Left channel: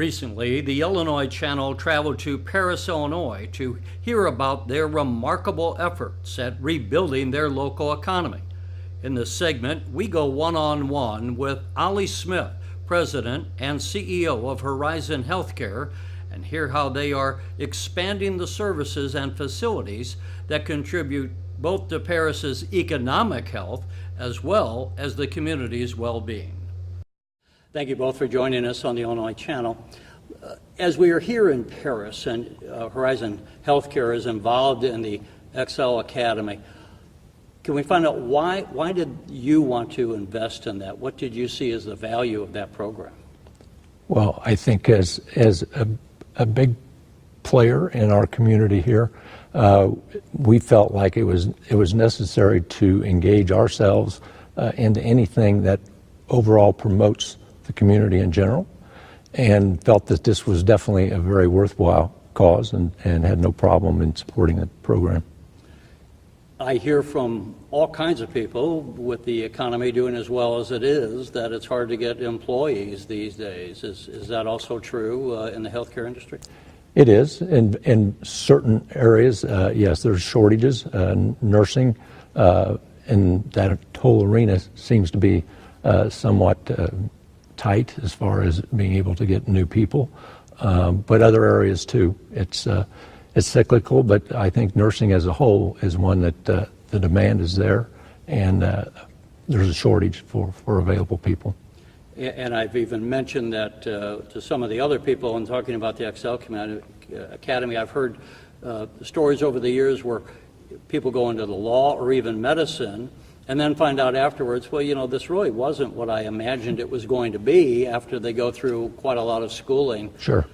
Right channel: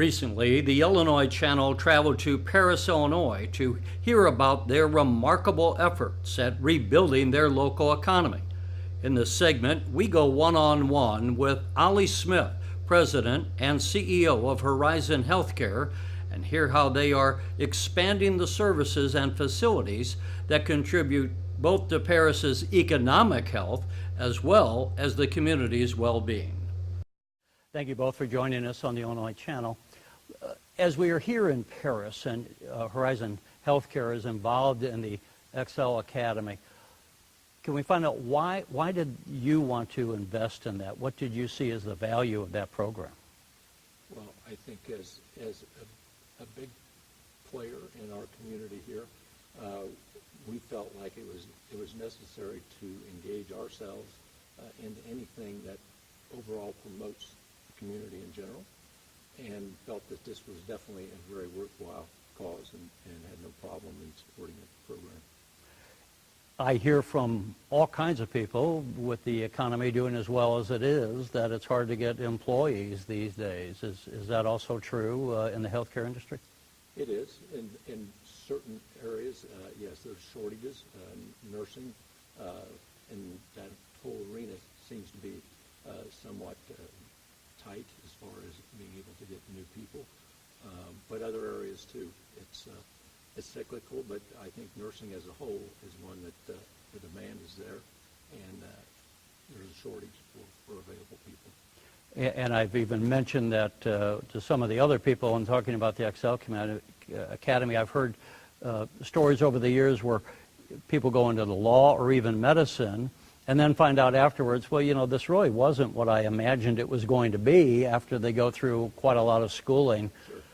Recently, the Illinois Channel traveled to Paris, Illinois to hear about their remarkable efforts at rebuilding their local economy. In this segment, we go one-on-one with Ollie Smith, President and CEO of Horizon Healthcare, and hear how they are expanding the services and facilities that contribute both to Paris's economic health as well as the community's well-being. Thank you both for joining us on the Illinois Channel. As we are here in Paris and Horizon Healthcare is involved in the Excel Academy, can we find out why did you want to invest in that? What did you see as the value of that program? Well, I think as a big player in our community here, we felt like it was necessary to engage ourselves into anything that overall promotes the community in general, and felt that this was definitely a very worthwhile cause and had no problem in supporting the program. I hear from all kinds of people, with the economy doing as well as it is, that it's hard to get employees these days. Is that also true in the healthcare industry? It is. In certain areas, yes, there's shortages. Nursing and that whole arena seems to be somewhat tight as far as being able to get new people, but other areas too. It's cyclical, but I think nursing as a whole is one that the demand is there, and there's a shortage for available people. And I've even mentioned that to some of the other people in talking about the Excel Academy. I've heard stories over the years where people go into the law or even medicine and then find out afterwards, well, you know, this really wasn't what I imagined it was going to be after they go through quite a lot of schooling. Sure.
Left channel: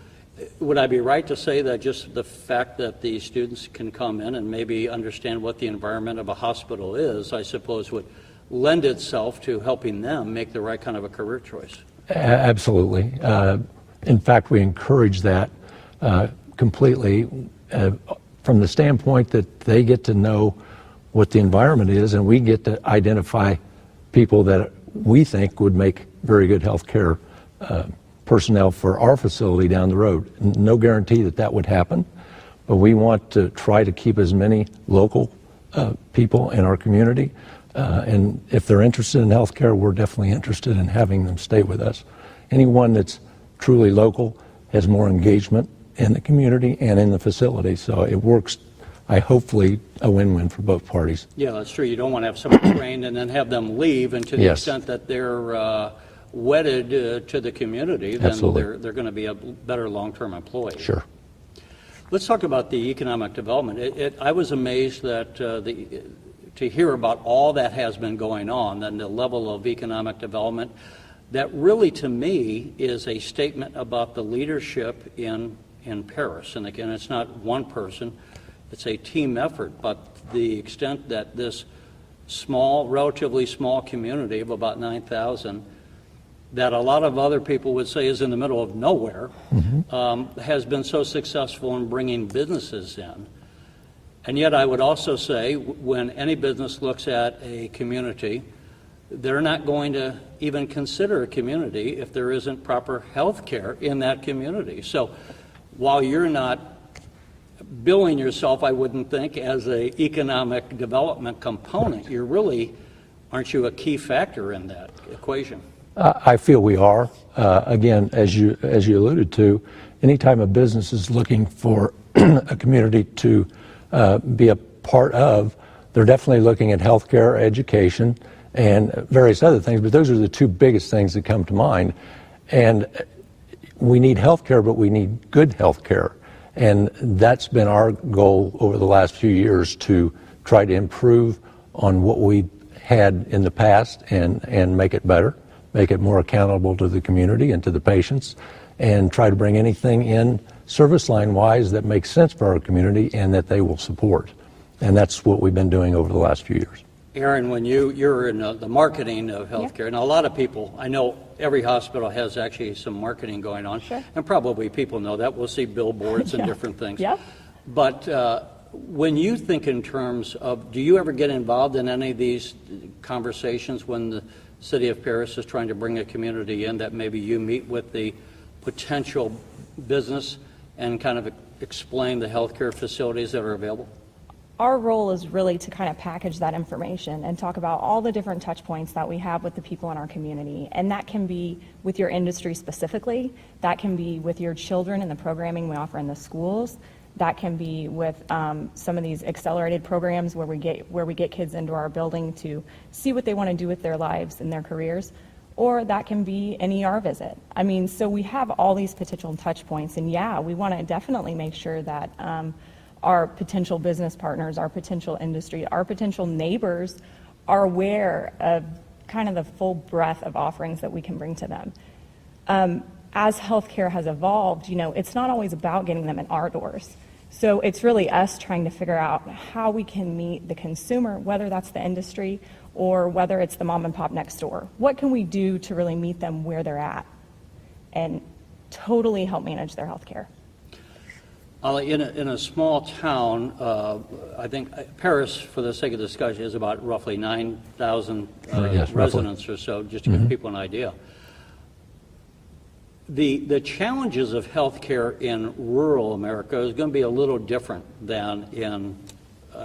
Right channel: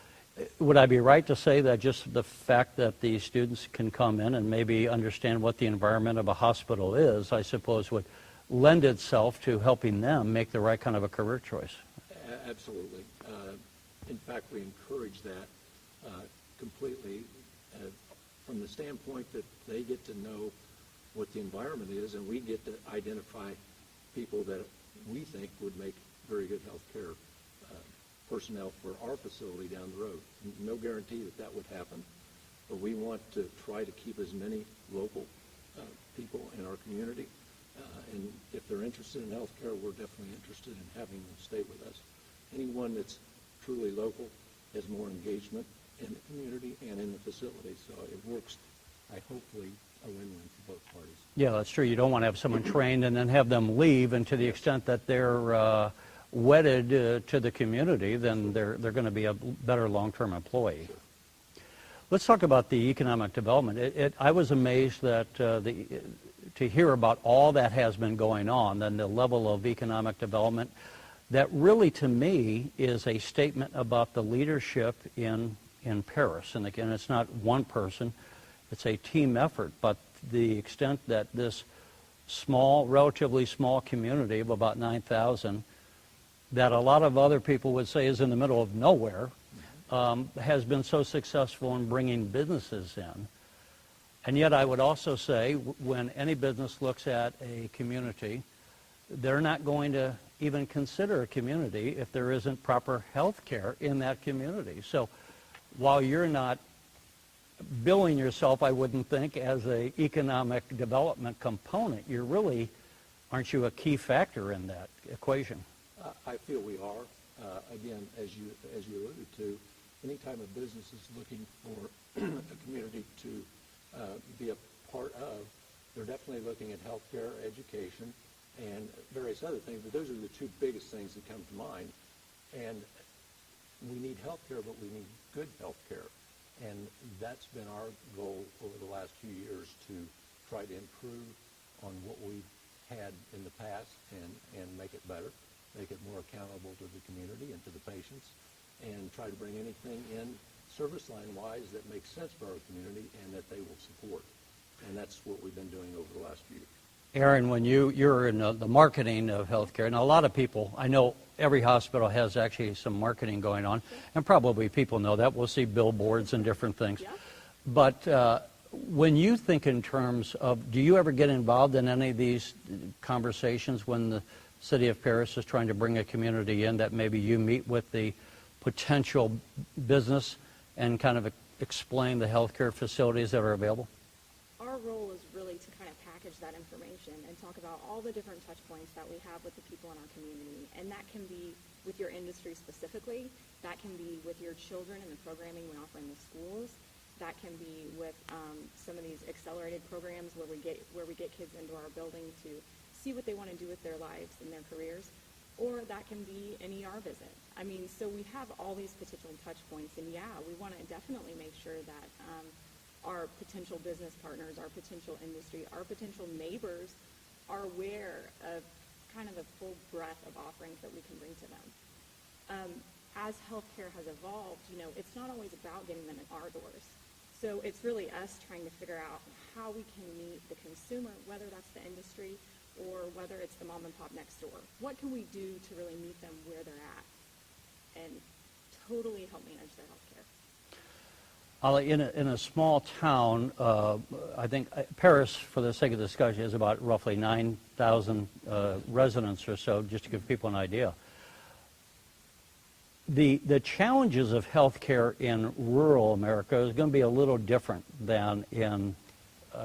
Would I be right to say that just the fact that the students can come in and maybe understand what the environment of a hospital is, I suppose, would lend itself to helping them make the right kind of a career choice? Absolutely. In fact, we encourage that completely from the standpoint that they get to know what the environment is, and we get to identify people that we think would make very good healthcare personnel for our facility down the road. No guarantee that that would happen, but we want to try to keep as many local people in our community, and if they're interested in healthcare, we're definitely interested in having them stay with us. Anyone that's truly local has more engagement in the community and in the facility, so it works, hopefully a win-win for both parties. Yeah, that's true. You don't want to have someone trained and then have them leave, and to the extent that they're wedded to the community, then they're going to be a better long-term employee. Sure. Let's talk about the economic development. I was amazed that to hear about all that has been going on and the level of economic development. That really, to me, is a statement about the leadership in Paris. And again, it's not one person, it's a team effort, but the extent that this small, relatively small community of about 9,000, that a lot of other people would say is in the middle of nowhere, has been so successful in bringing businesses in. And yet I would also say, when any business looks at a community, they're not going to even consider a community if there isn't proper health care in that community. So while you're not billing yourself, I wouldn't think, as an economic development component, you're really, aren't you a key factor in that equation? I feel we are. Again, as you alluded to, anytime a business is looking for a community to be a part of, they're definitely looking at healthcare, education, and various other things, but those are the two biggest things that come to mind. And we need healthcare, but we need good healthcare. And that's been our goal over the last few years, to try to improve on what we had in the past and make it better, make it more accountable to the community and to the patients, and try to bring anything in service line wise that makes sense for our community and that they will support. And that's what we've been doing over the last few years. Erin, when you're in the marketing of healthcare, and a lot of people, I know every hospital has actually some marketing going on, and probably people know that. We'll see billboards and different things. But when you think in terms of, do you ever get involved in any of these conversations when the City of Paris is trying to bring a community in, that maybe you meet with the potential business and kind of explain the healthcare facilities that are available? Our role is really to kind of package that information and talk about all the different touch points that we have with the people in our community. And that can be with your industry specifically, that can be with your children and the programming we offer in the schools, that can be with some of these accelerated programs where we get kids into our building to see what they want to do with their lives and their careers, or that can be an ER visit. I mean, so we have all these potential touch points, and yeah, we want to definitely make sure that our potential business partners, our potential industry, our potential neighbors are aware of kind of the full breadth of offerings that we can bring to them. As healthcare has evolved, it's not always about getting them in our doors. So it's really us trying to figure out how we can meet the consumer, whether that's the industry or whether it's the mom and pop next door. What can we do to really meet them where they're at and totally help manage their healthcare? Ollie, in a small town, I think Paris, for the sake of discussion, is about roughly 9,000 Yes, residents or so, just to give people an idea. The challenges of healthcare in rural America is going to be a little different than in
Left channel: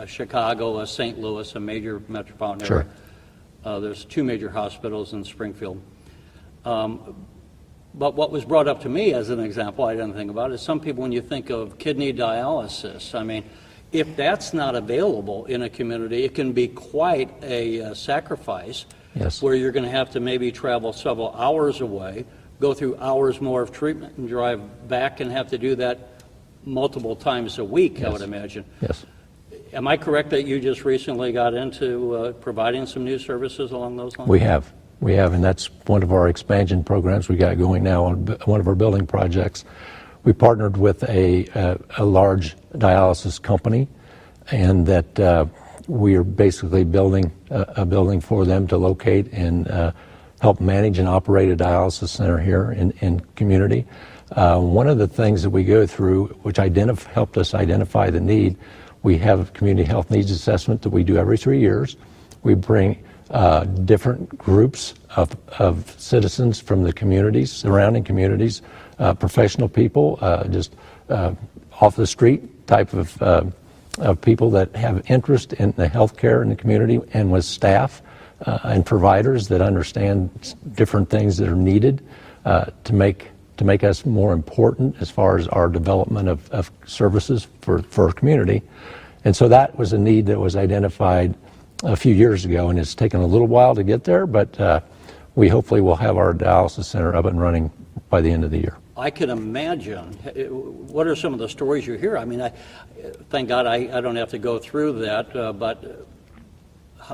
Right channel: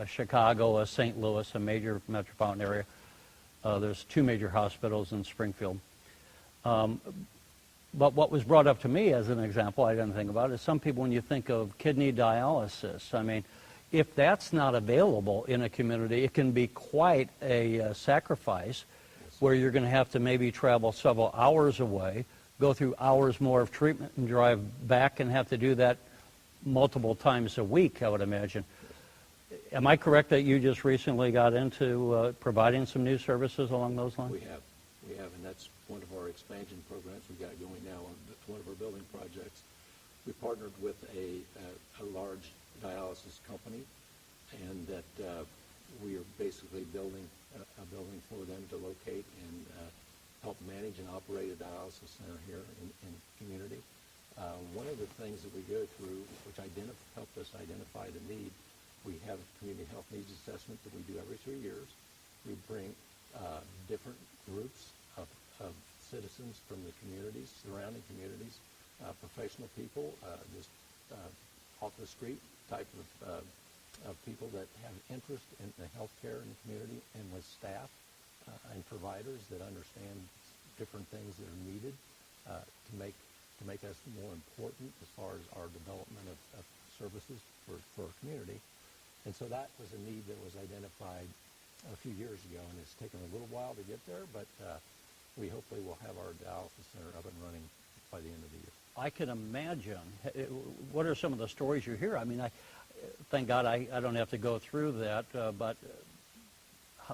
Chicago, or St. Louis, a major metropolitan area. Sure. There's 2 major hospitals in Springfield. But what was brought up to me as an example, I didn't think about, is some people, when you think of kidney dialysis, I mean, if that's not available in a community, it can be quite a sacrifice. Yes. Where you're going to have to maybe travel several hours away, go through hours more of treatment, and drive back and have to do that multiple times a week, Yes. I would imagine. Yes. Am I correct that you just recently got into providing some new services along those lines? We have, and that's one of our expansion programs we got going now on one of our building projects. We partnered with a large dialysis company, and that we are basically building a building for them to locate and help manage and operate a dialysis center here in community. One of the things that we go through, which helped us identify the need, we have a community health needs assessment that we do every 3 years. We bring different groups of citizens from the communities, surrounding communities, professional people, just off the street type of people that have interest in the healthcare in the community, and with staff and providers that understand different things that are needed to make us more important as far as our development of services for our community. And so that was a need that was identified a few years ago, and it's taken a little while to get there, but we hopefully will have our dialysis center up and running by the end of the year. I can imagine. What are some of the stories you hear? I mean, thank God I don't have to go through that, but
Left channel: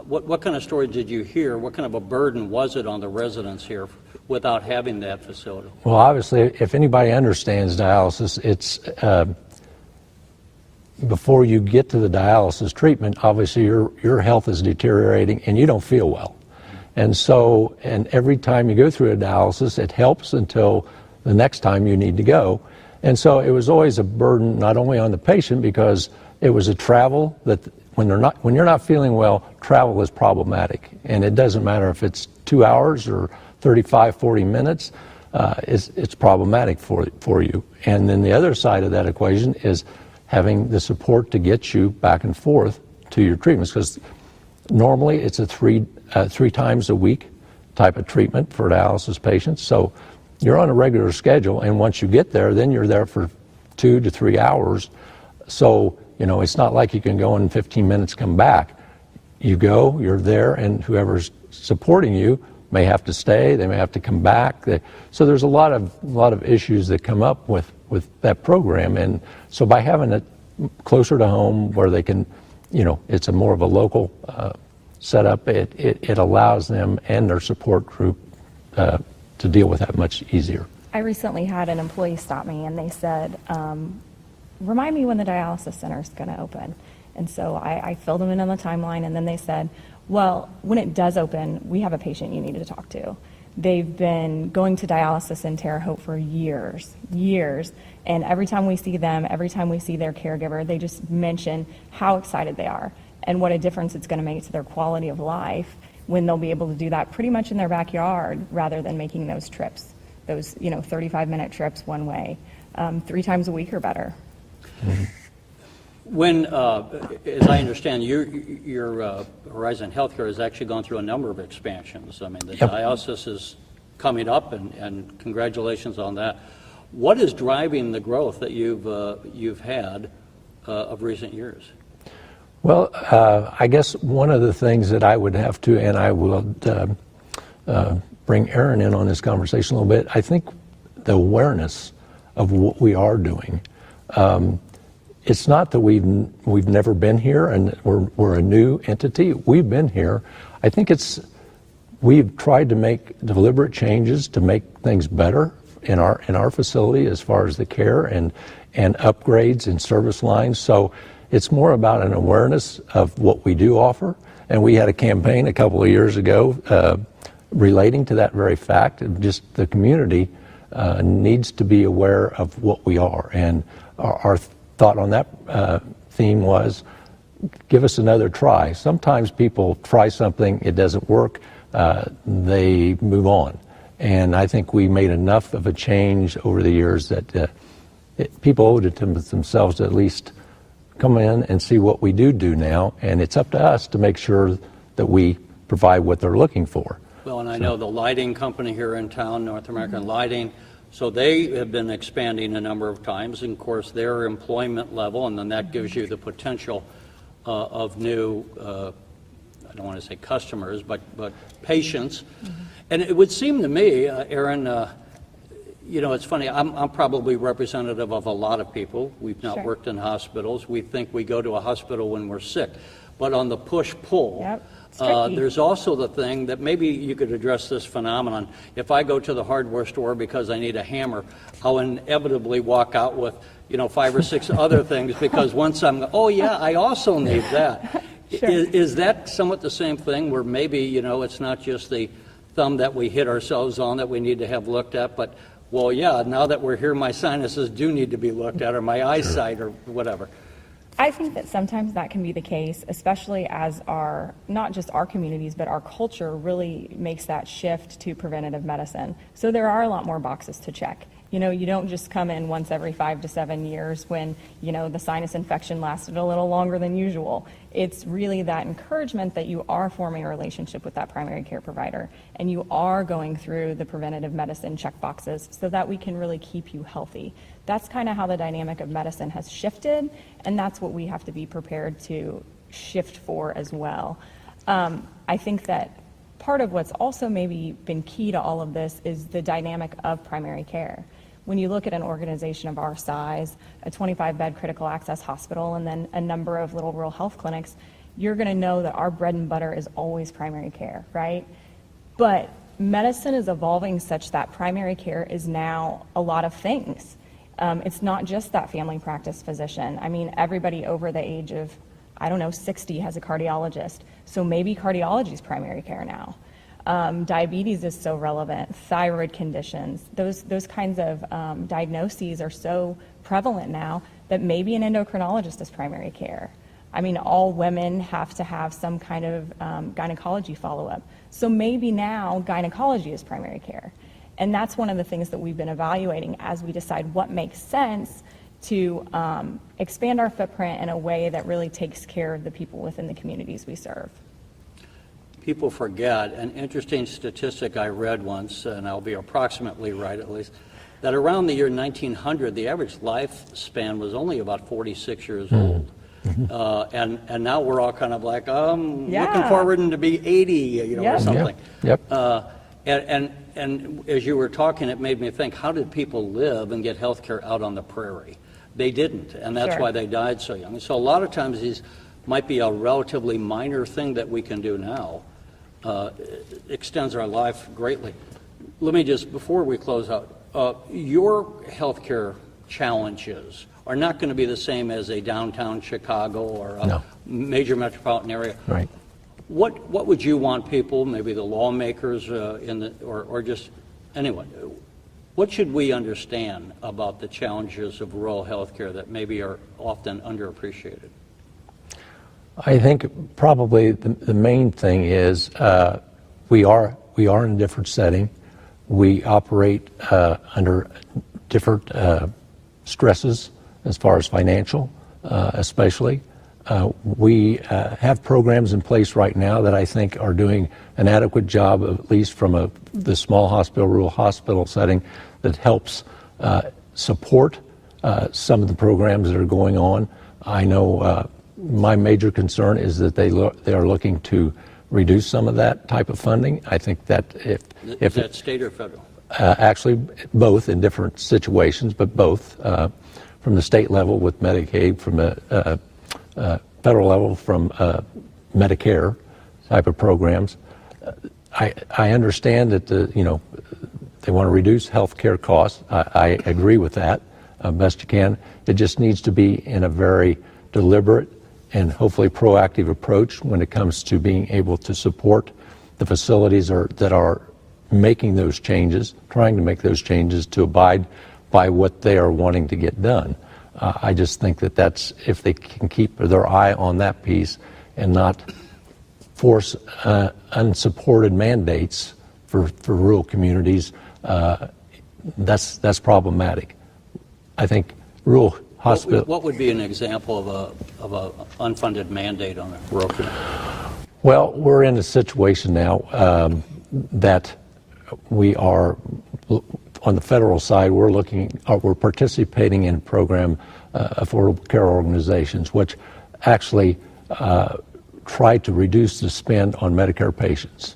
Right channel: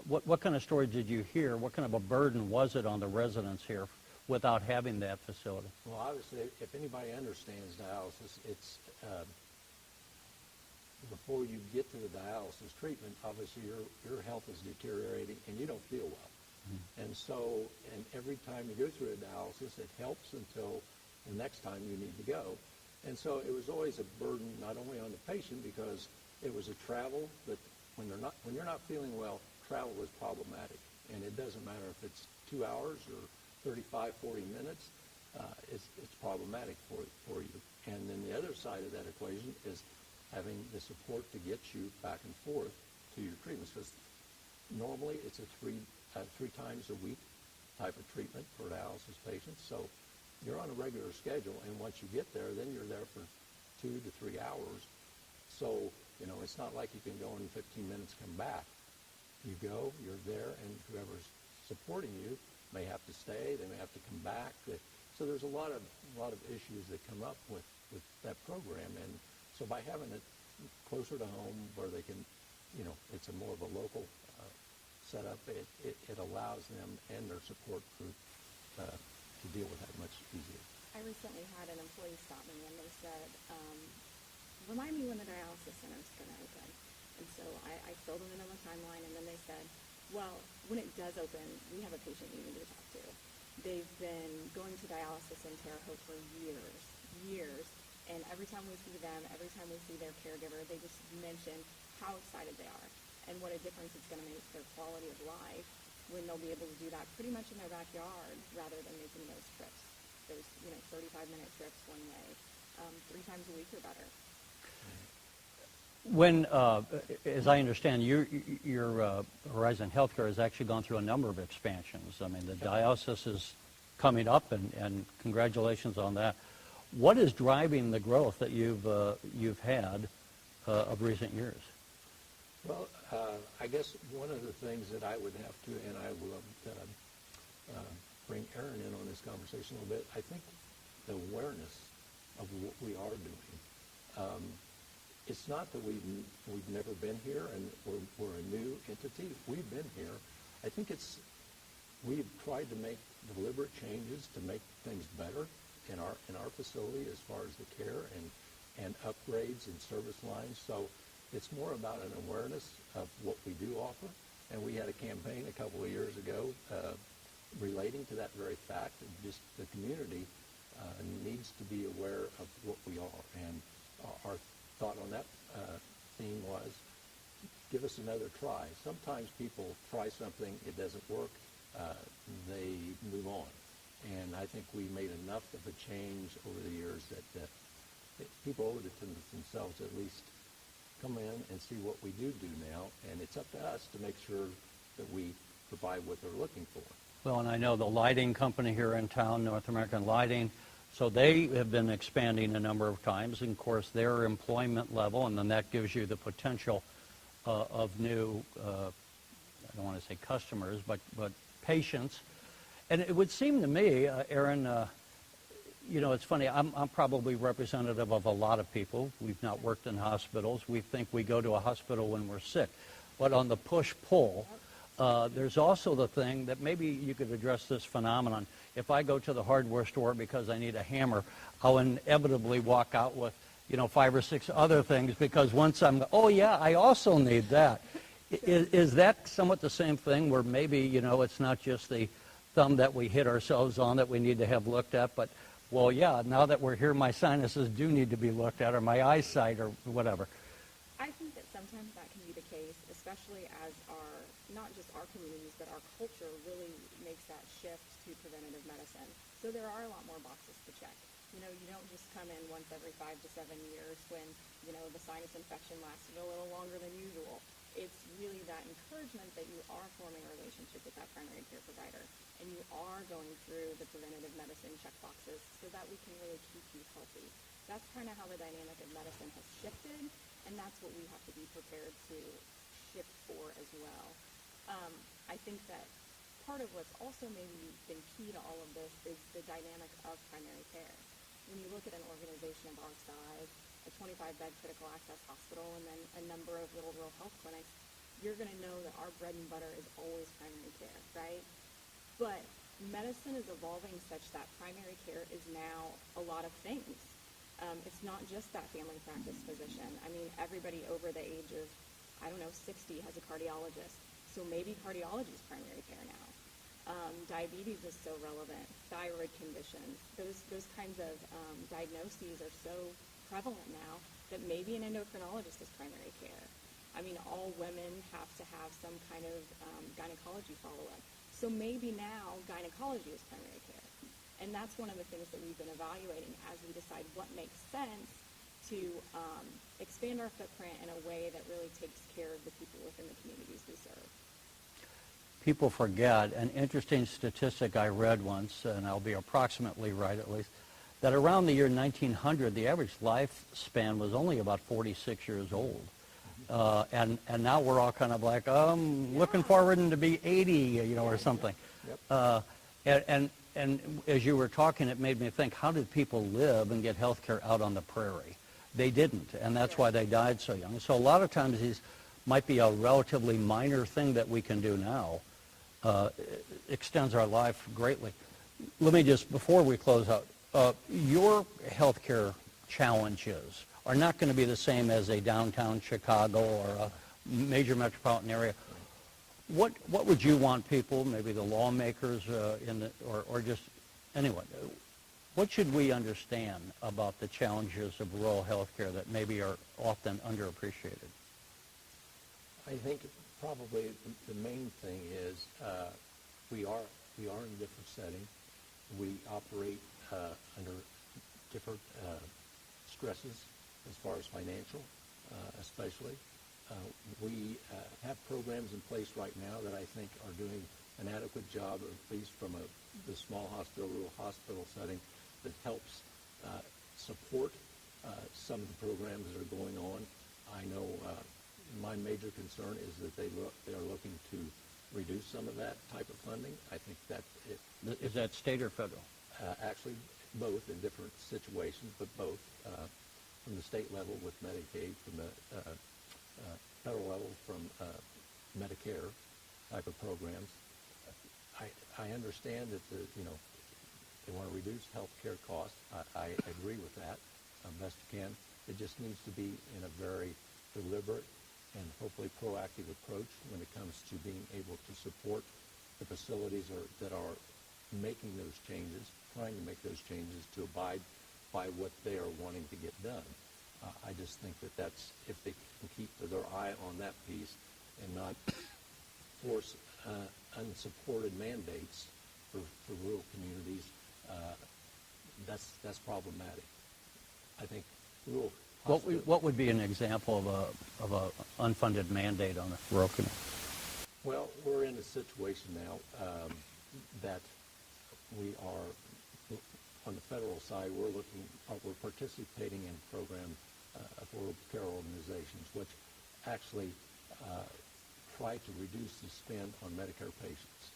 what kind of stories did you hear? What kind of a burden was it on the residents here without having that facility? Well, obviously, if anybody understands dialysis, it's before you get to the dialysis treatment, obviously your health is deteriorating and you don't feel well. And so, and every time you go through a dialysis, it helps until the next time you need to go. And so it was always a burden, not only on the patient, because it was a travel that when you're not feeling well, travel is problematic. And it doesn't matter if it's 2 hours or 35, 40 minutes, it's problematic for you. And then the other side of that equation is having the support to get you back and forth to your treatments, because normally it's a three times a week type of treatment for dialysis patients. So you're on a regular schedule, and once you get there, then you're there for 2 to 3 hours. So, it's not like you can go in 15 minutes, come back. You go, you're there, and whoever's supporting you may have to stay, they may have to come back. So there's a lot of issues that come up with that program. And so by having it closer to home where they can, it's a more of a local setup, it allows them and their support group to deal with that much easier. I recently had an employee stop me and they said, remind me when the dialysis center is going to open. And so I filled them in on the timeline, and then they said, well, when it does open, we have a patient you need to talk to. They've been going to dialysis in Terre Haute for years, and every time we see them, every time we see their caregiver, they just mention how excited they are and what a difference it's going to make to their quality of life when they'll be able to do that pretty much in their backyard rather than making those trips those, 35-minute trips one way, 3 times a week or better. When, as I understand, your Horizon Healthcare has actually gone through a number of expansions. I mean, the Yep. dialysis is coming up, and congratulations on that. What is driving the growth that you've had of recent years? Well, I guess one of the things that I would have to, and I will bring Erin in on this conversation a little bit, I think the awareness of what we are doing. It's not that we've never been here and we're a new entity. We've been here. I think we've tried to make deliberate changes to make things better in our facility as far as the care and upgrades in service lines. So it's more about an awareness of what we do offer. And we had a campaign a couple of years ago relating to that very fact. Just the community needs to be aware of what we are. And our thought on that theme was, give us another try. Sometimes people try something, it doesn't work, they move on. And I think we made enough of a change over the years that people owed it to themselves to at least come in and see what we do now. And it's up to us to make sure that we provide what they're looking for. Well, and I know the lighting company here in town, North American Lighting, so they have been expanding a number of times, and of course their employment level, and then that gives you the potential of new, I don't want to say customers, but patients. And it would seem to me, Erin, it's funny, I'm probably representative of a lot of people. We've not Sure. worked in hospitals. We think we go to a hospital when we're sick. But on the push-pull, Yep. It's tricky. there's also the thing that maybe you could address this phenomenon. If I go to the hardware store because I need a hammer, I'll inevitably walk out with, 5 or 6 other things because once oh yeah, I also need that. Sure. Is that somewhat the same thing where maybe, it's not just the thumb that we hit ourselves on that we need to have looked at, but, well, yeah, now that we're here, my sinuses do need to be looked at, or my eyesight, or whatever. I think that sometimes that can be the case, especially as not just our communities, but our culture really makes that shift to preventative medicine. So there are a lot more boxes to check. You don't just come in once every 5 to 7 years when, the sinus infection lasted a little longer than usual. It's really that encouragement that you are forming a relationship with that primary care provider and you are going through the preventative medicine check boxes so that we can really keep you healthy. That's kind of how the dynamic of medicine has shifted, and that's what we have to be prepared to shift for as well. I think that part of what's also maybe been key to all of this is the dynamic of primary care. When you look at an organization of our size, a 25-bed critical access hospital, and then a number of little rural health clinics, you're going to know that our bread and butter is always primary care, right? But medicine is evolving such that primary care is now a lot of things. It's not just that family practice physician. I mean, everybody over the age of, 60 has a cardiologist. So maybe cardiology is primary care now. Diabetes is so relevant, thyroid conditions, those kinds of diagnoses are so prevalent now that maybe an endocrinologist is primary care. I mean, all women have to have some kind of gynecology follow-up. So maybe now gynecology is primary care. And that's one of the things that we've been evaluating as we decide what makes sense to expand our footprint in a way that really takes care of the people within the communities we serve. People forget, an interesting statistic I read once, and I'll be approximately right at least, that around the year 1900, the average lifespan was only about 46 years old. And now we're all kind of like, looking forward to be 80, or something. Yep. And as you were talking, it made me think, how did people live and get health care out on the prairie? They didn't, and that's Sure. why they died so young. So a lot of times these might be a relatively minor thing that we can do now. Extends our life greatly. Let me just, before we close out, your healthcare challenges are not going to be the same as a downtown Chicago or a major metropolitan area. Right. What would you want people, maybe the lawmakers or just anyone, what should we understand about the challenges of rural healthcare that maybe are often underappreciated? I think probably the main thing is we are in a different setting. We operate under different stresses as far as financial, especially. We have programs in place right now that I think are doing an adequate job, at least from the small hospital, rural hospital setting, that helps support some of the programs that are going on. I know my major concern is that they are looking to reduce some of that type of funding. I think that Is that state or federal? actually both in different situations, but both from the state level with Medicaid, from the federal level from Medicare type of programs. I understand that they want to reduce health care costs. I agree with that best you can. It just needs to be in a very deliberate and hopefully proactive approach when it comes to being able to support the facilities that are making those changes, trying to make those changes to abide by what they are wanting to get done. I just think that's if they can keep their eye on that piece and not force unsupported mandates for rural communities, that's problematic. I think rural hospital. What would be an example of a unfunded mandate on a rural community? Well, we're in a situation now that we are on the federal side. We're participating in a program, affordable care organizations, which actually try to reduce the spend on Medicare patients.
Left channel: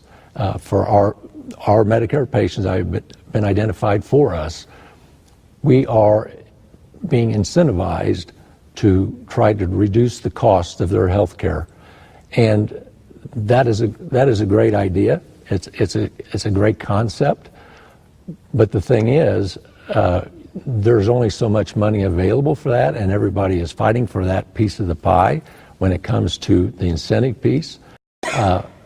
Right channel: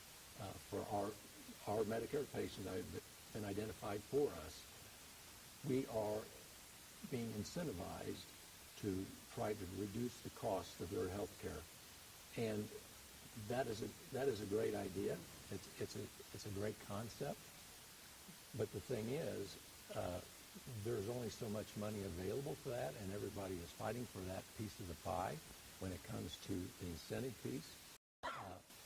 For our Medicare patients that have been identified for us, we are being incentivized to try to reduce the cost of their health care. And that is a great idea. It's a great concept. But the thing is, there's only so much money available for that, and everybody is fighting for that piece of the pie when it comes to the incentive piece.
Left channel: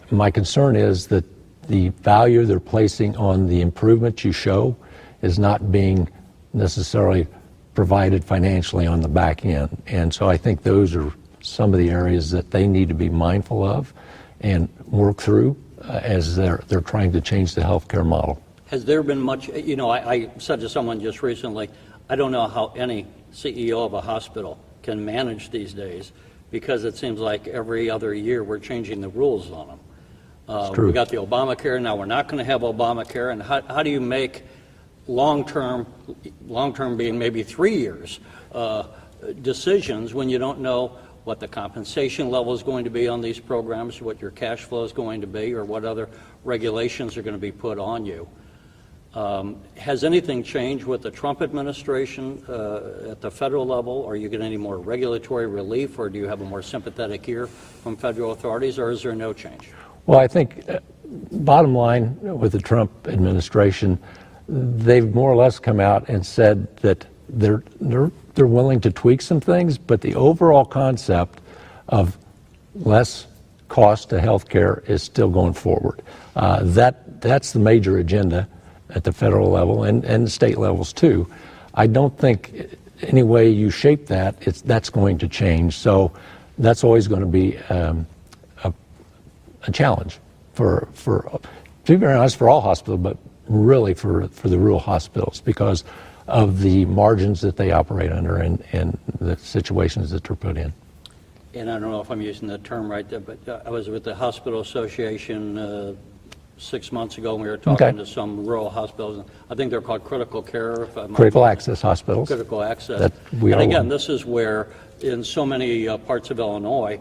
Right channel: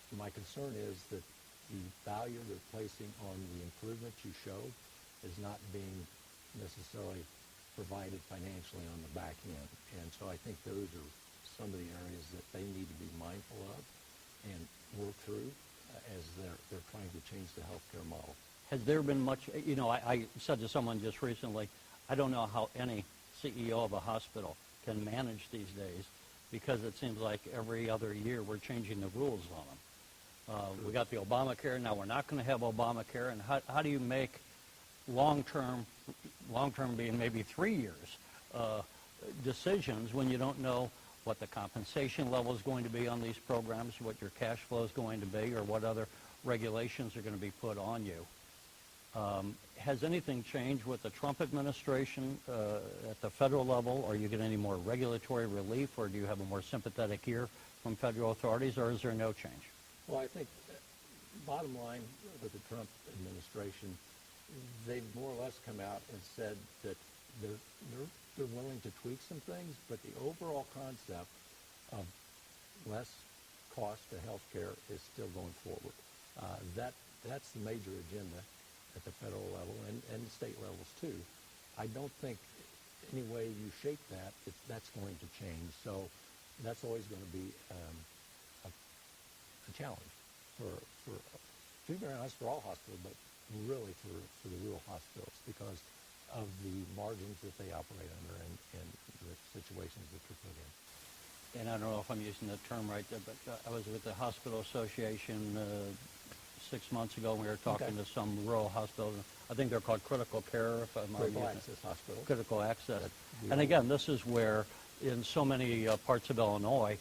My concern is that the value they're placing on the improvement you show is not being necessarily provided financially on the back end. And so I think those are some of the areas that they need to be mindful of and work through as they're trying to change the healthcare model. Has there been much, I said to someone just recently, I don't know how any CEO of a hospital can manage these days, because it seems like every other year we're changing the rules on them. It's true. We got the Obamacare, now we're not going to have Obamacare, and how do you make long-term being maybe 3 years, decisions when you don't know what the compensation level is going to be on these programs, what your cash flow is going to be, or what other regulations are going to be put on you? Has anything changed with the Trump administration at the federal level? Are you getting any more regulatory relief, or do you have a more sympathetic ear from federal authorities, or is there no change? Well, I think bottom line with the Trump administration, they've more or less come out and said that they're willing to tweak some things, but the overall concept of less cost to health care is still going forward. That's the major agenda at the federal level and the state levels too. I don't think any way you shape that's going to change. So that's always going to be a challenge for to be very honest, for all hospitals, but really for the rural hospitals, because of the margins that they operate under and the situations that they're put in. And I don't know if I'm using the term right there, but I was with the Hospital Association 6 months ago, and we were talking to some rural hospitals. I think they're called critical care. Critical access hospitals. Critical access. And again, this is where, in so many parts of Illinois,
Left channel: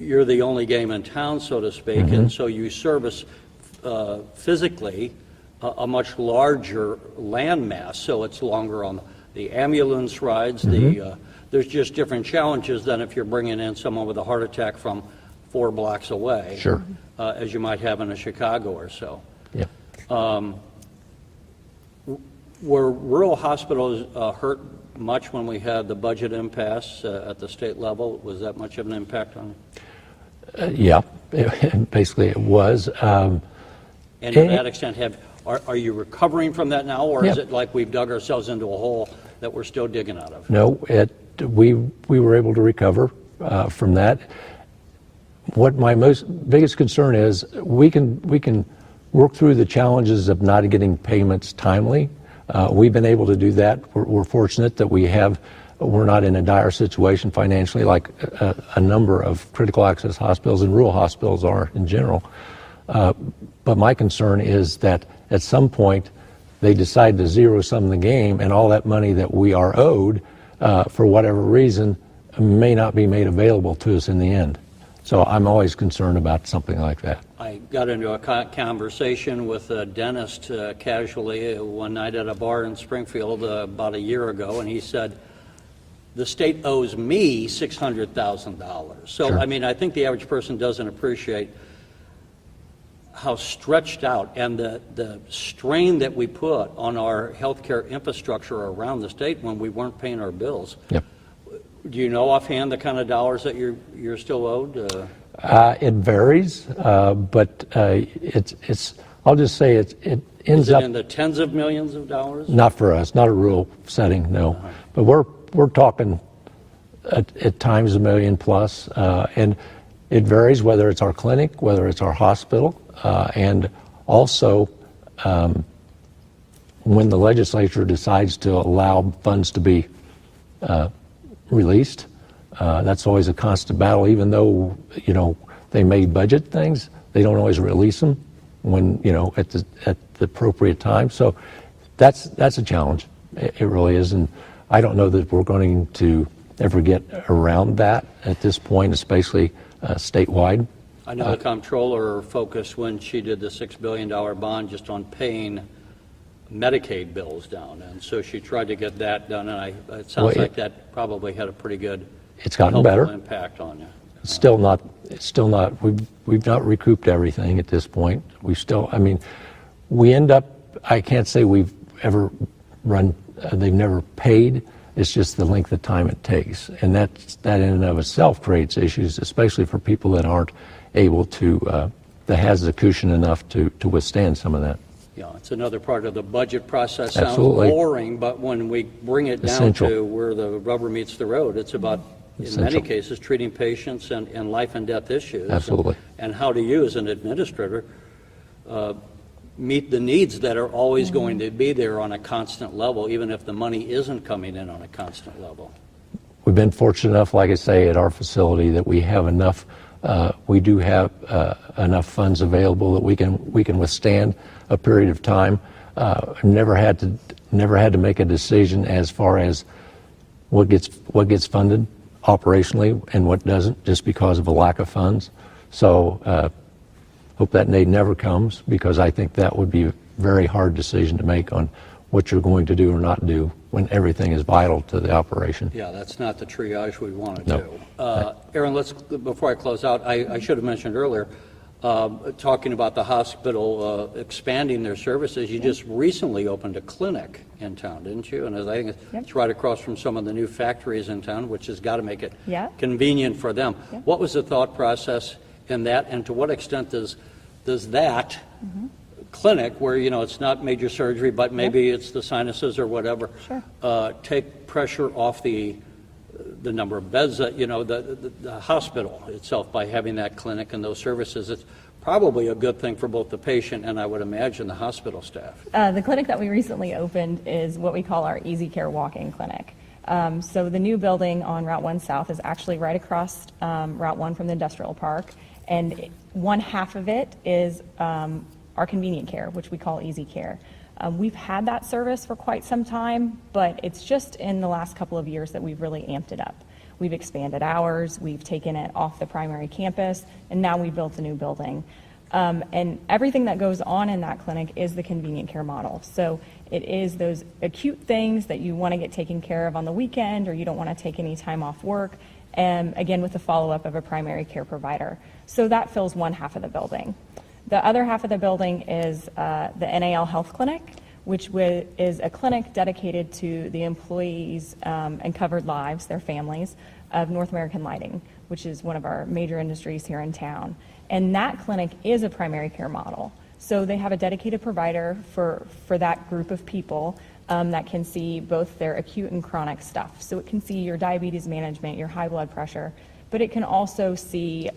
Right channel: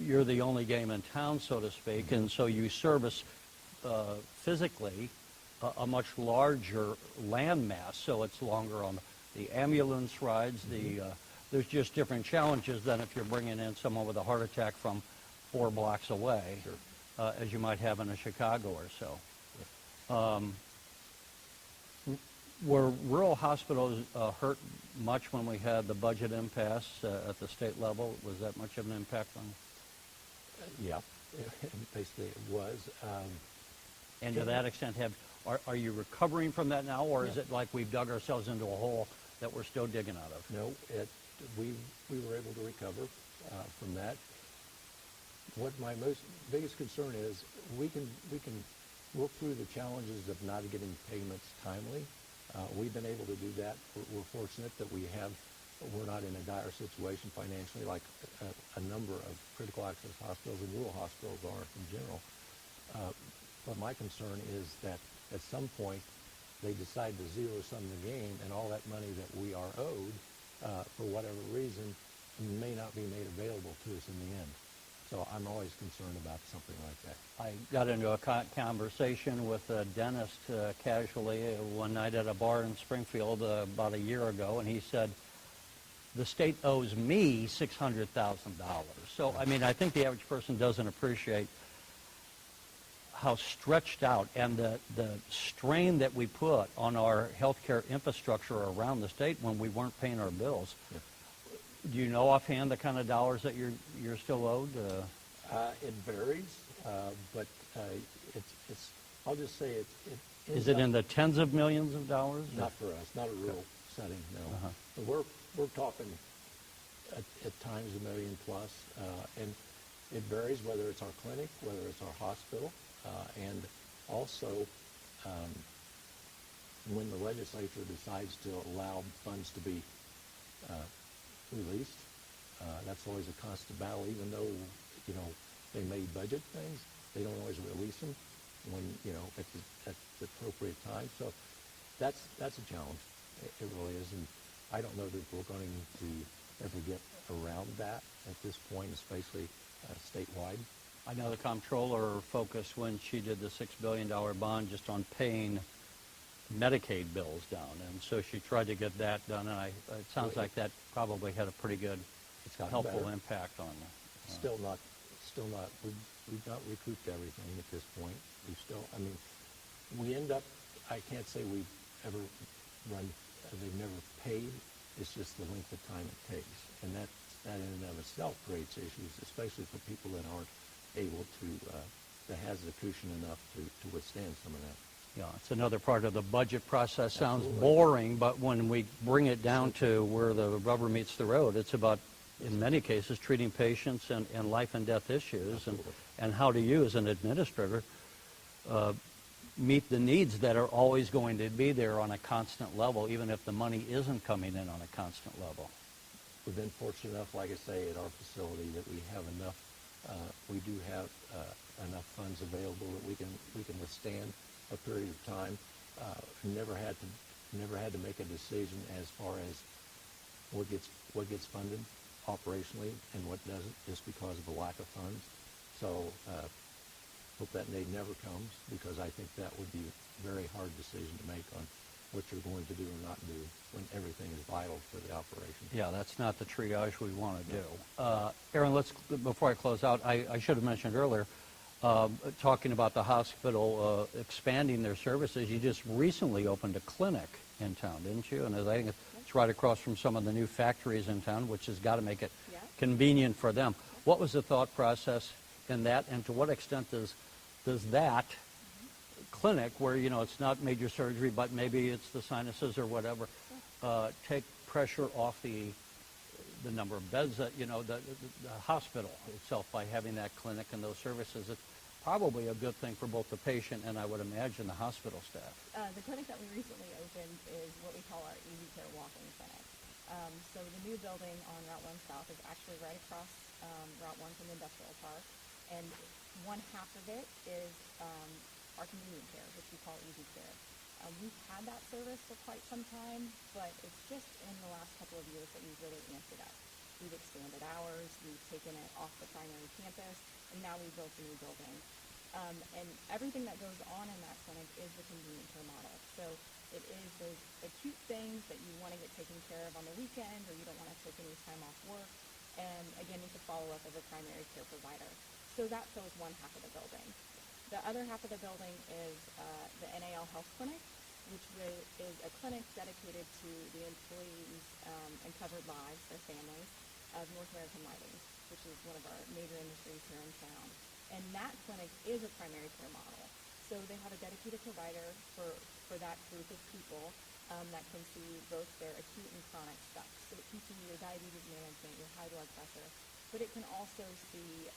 you're the only game in town, so to speak, and so you service physically a much larger landmass, so it's longer on the ambulance rides. There's just different challenges than if you're bringing in someone with a heart attack from 4 blocks away, sure, as you might have in a Chicago or so. Yeah. Were rural hospitals hurt much when we had the budget impasse at the state level? Was that much of an impact on? Yeah, basically it was. And to that extent, are you recovering from that now, or is it like we've dug ourselves into a hole that we're still digging out of? No, we were able to recover from that. What my biggest concern is, we can work through the challenges of not getting payments timely. We've been able to do that. We're fortunate that we're not in a dire situation financially like a number of critical access hospitals and rural hospitals are in general. But my concern is that at some point they decide to zero-sum the game, and all that money that we are owed, for whatever reason, may not be made available to us in the end. So I'm always concerned about something like that. I got into a conversation with a dentist casually one night at a bar in Springfield about a year ago, and he said, the state owes me $600,000. So, Sure. I mean, I think the average person doesn't appreciate how stretched out and the strain that we put on our healthcare infrastructure around the state when we weren't paying our bills. Yep. Do you know offhand the kind of dollars that you're still owed? It varies, but it's. I'll just say it ends Is it up in the tens of millions of dollars? not for us, not a rural setting, no. But we're talking at times $1 million plus, and it varies whether it's our clinic, whether it's our hospital, and also when the legislature decides to allow funds to be released. That's always a constant battle, even though, they may budget things, they don't always release them when, at the appropriate time. So that's a challenge. It really is. And I don't know that we're going to ever get around that at this point, especially statewide. I know the comptroller focused when she did the $6 billion bond just on paying Medicaid bills down, and so she tried to get that done, and it sounds like that probably had a pretty good It's gotten helpful better. impact on you. It's still not, we've not recouped everything at this point. We end up, I can't say we've ever run, they've never paid. It's just the length of time it takes. And that in and of itself creates issues, especially for people that aren't able to, that has the cushion enough to withstand some of that. Yeah, it's another part of the budget process. Absolutely. Sounds boring, but when we bring it down Essential. to where the rubber meets the road, it's about, in many Essential. cases, treating patients and life and death issues. Absolutely. And how to you, as an administrator, meet the needs that are always going to be there on a constant level, even if the money isn't coming in on a constant level. We've been fortunate enough, like I say, at our facility that we have enough, we do have enough funds available that we can withstand a period of time. Never had to make a decision as far as what gets funded operationally and what doesn't, just because of a lack of funds. So hope that day never comes, because I think that would be a very hard decision to make on what you're going to do or not do when everything is vital to the operation. Yeah, that's not the triage we want to No. do. Erin, before I close out, I should have mentioned earlier, talking about the hospital expanding their services, you just recently opened a clinic in town, didn't you? And I think it's right across from some of the new factories in town, which has got to make it convenient for them. Yeah. What was the thought process in that, and to what extent does that clinic, where it's not major surgery, but maybe it's the sinuses or whatever, take pressure off the number of beds that the hospital itself by having that clinic and those services? It's probably a good thing for both the patient and, I would imagine, the hospital staff. The clinic that we recently opened is what we call our Easy Care Walk-in Clinic. So the new building on Route 1 South is actually right across Route 1 from the industrial park, and one half of it is our convenient care, which we call Easy Care. We've had that service for quite some time, but it's just in the last couple of years that we've really amped it up. We've expanded hours, we've taken it off the primary campus, and now we've built a new building. And everything that goes on in that clinic is the convenient care model. So it is those acute things that you want to get taken care of on the weekend, or you don't want to take any time off work, and again with the follow-up of a primary care provider. So that fills one half of the building. The other half of the building is the NAL Health Clinic, which is a clinic dedicated to the employees and covered lives, their families, of North American Lighting, which is one of our major industries here in town. And that clinic is a primary care model. So they have a dedicated provider for that group of people that can see both their acute and chronic stuff. So it can see your diabetes management, your high blood pressure, but it can also see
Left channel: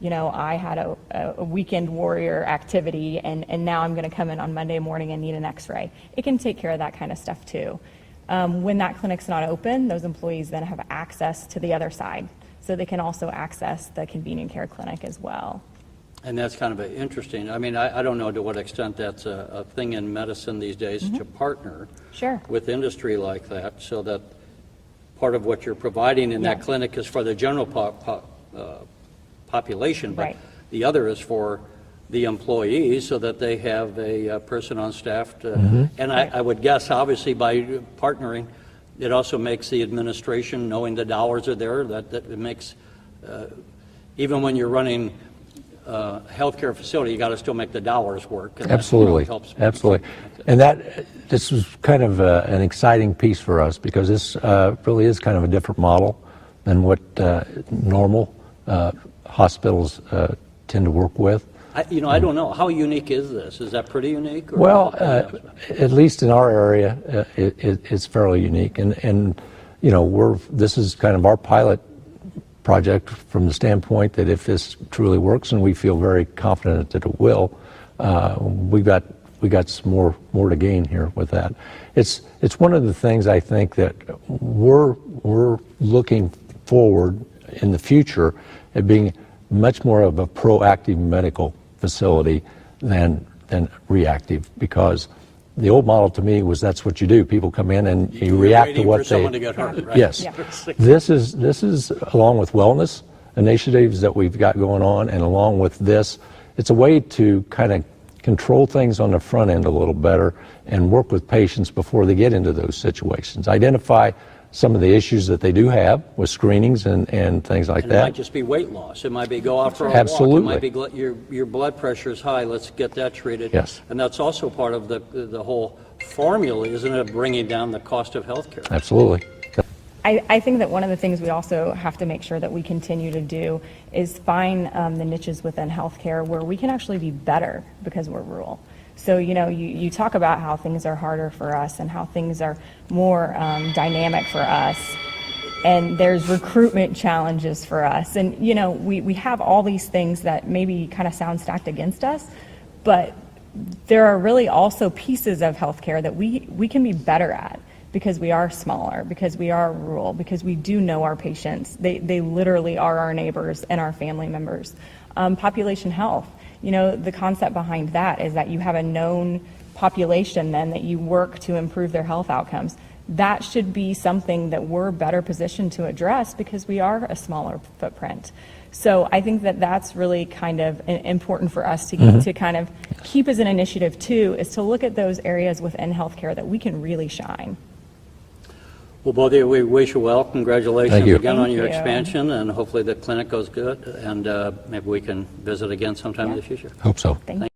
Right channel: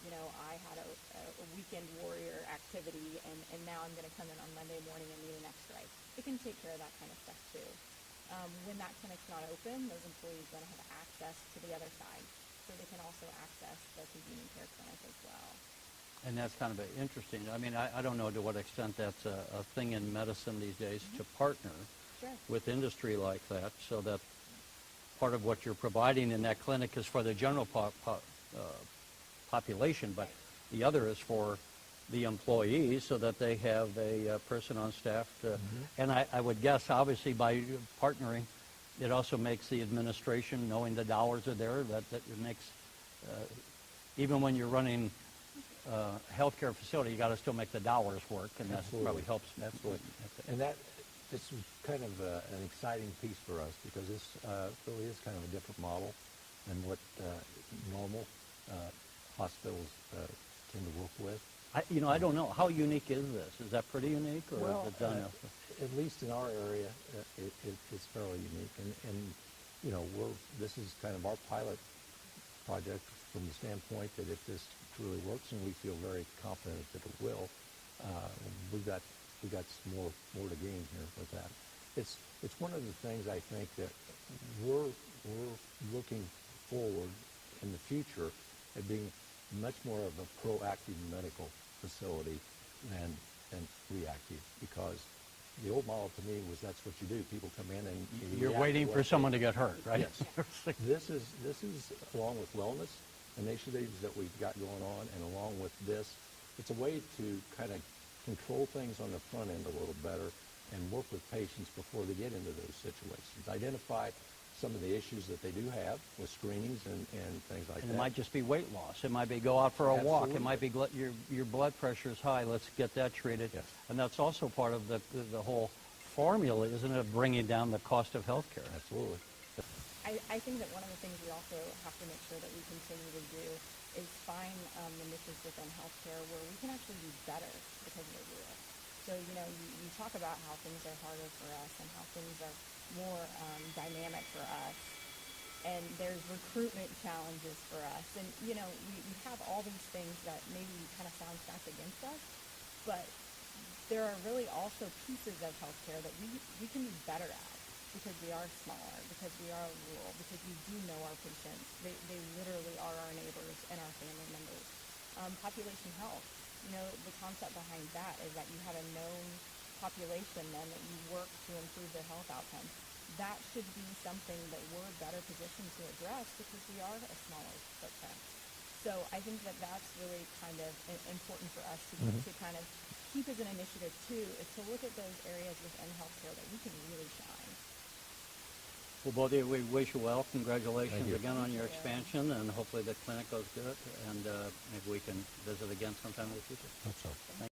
you know, I had a weekend warrior activity and now I'm going to come in on Monday morning and need an x-ray. It can take care of that kind of stuff too. When that clinic's not open, those employees then have access to the other side. So they can also access the convenient care clinic as well. And that's kind of interesting. I mean, I don't know to what extent that's a thing in medicine these days to partner Sure. with industry like that, so that part of what you're providing in that Yeah. clinic is for the general population, but Right. the other is for the employees, so that they have a person on staff to, and I would guess, obviously, by partnering, it also makes the administration, knowing the dollars are there, that it makes, even when you're running healthcare facility, you got to still make the dollars work. And that, Absolutely, helps. absolutely. And this was kind of an exciting piece for us, because this really is kind of a different model than what normal hospitals tend to work with. I don't know. How unique is this? Is that pretty unique? Or Well, at least in our area, it's fairly unique. And you know, this is kind of our pilot project from the standpoint that if this truly works, and we feel very confident that it will, we got some more to gain here with that. It's one of the things I think that we're looking forward in the future at being much more of a proactive medical facility than reactive, because the old model to me was that's what you do. People come in and you react to what for someone to get hurt, right? Yes. Yeah. This is along with wellness initiatives that we've got going on, and along with this, it's a way to kind of control things on the front end a little better and work with patients before they get into those situations. Identify some of the issues that they do have with screenings and things like And it that. might just be weight loss. It might be go out for a Absolutely. walk. It might be your blood pressure is high. Let's get that treated. Yes. And that's also part of the whole formula, isn't it, of bringing down the cost of healthcare? Absolutely. I think that one of the things we also have to make sure that we continue to do is find the niches within healthcare where we can actually be better because we're rural. So, you know, you talk about how things are harder for us and how things are more dynamic for us. And there's recruitment challenges for us. And, you know, we have all these things that maybe kind of sound stacked against us, but there are really also pieces of healthcare that we can be better at, because we are smaller, because we are rural, because we do know our patients. They literally are our neighbors and our family members. Population health, you know, the concept behind that is that you have a known population then that you work to improve their health outcomes. That should be something that we're better positioned to address because we are a smaller footprint. So I think that that's really kind of important for us to kind of keep as an initiative too, is to look at those areas within healthcare that we can really shine. Well, both of you, we wish you well. Congratulations Thank you. again on Thank your you. expansion, and hopefully the clinic goes good, and maybe we can visit again sometime in the future. Hope so. Thank you.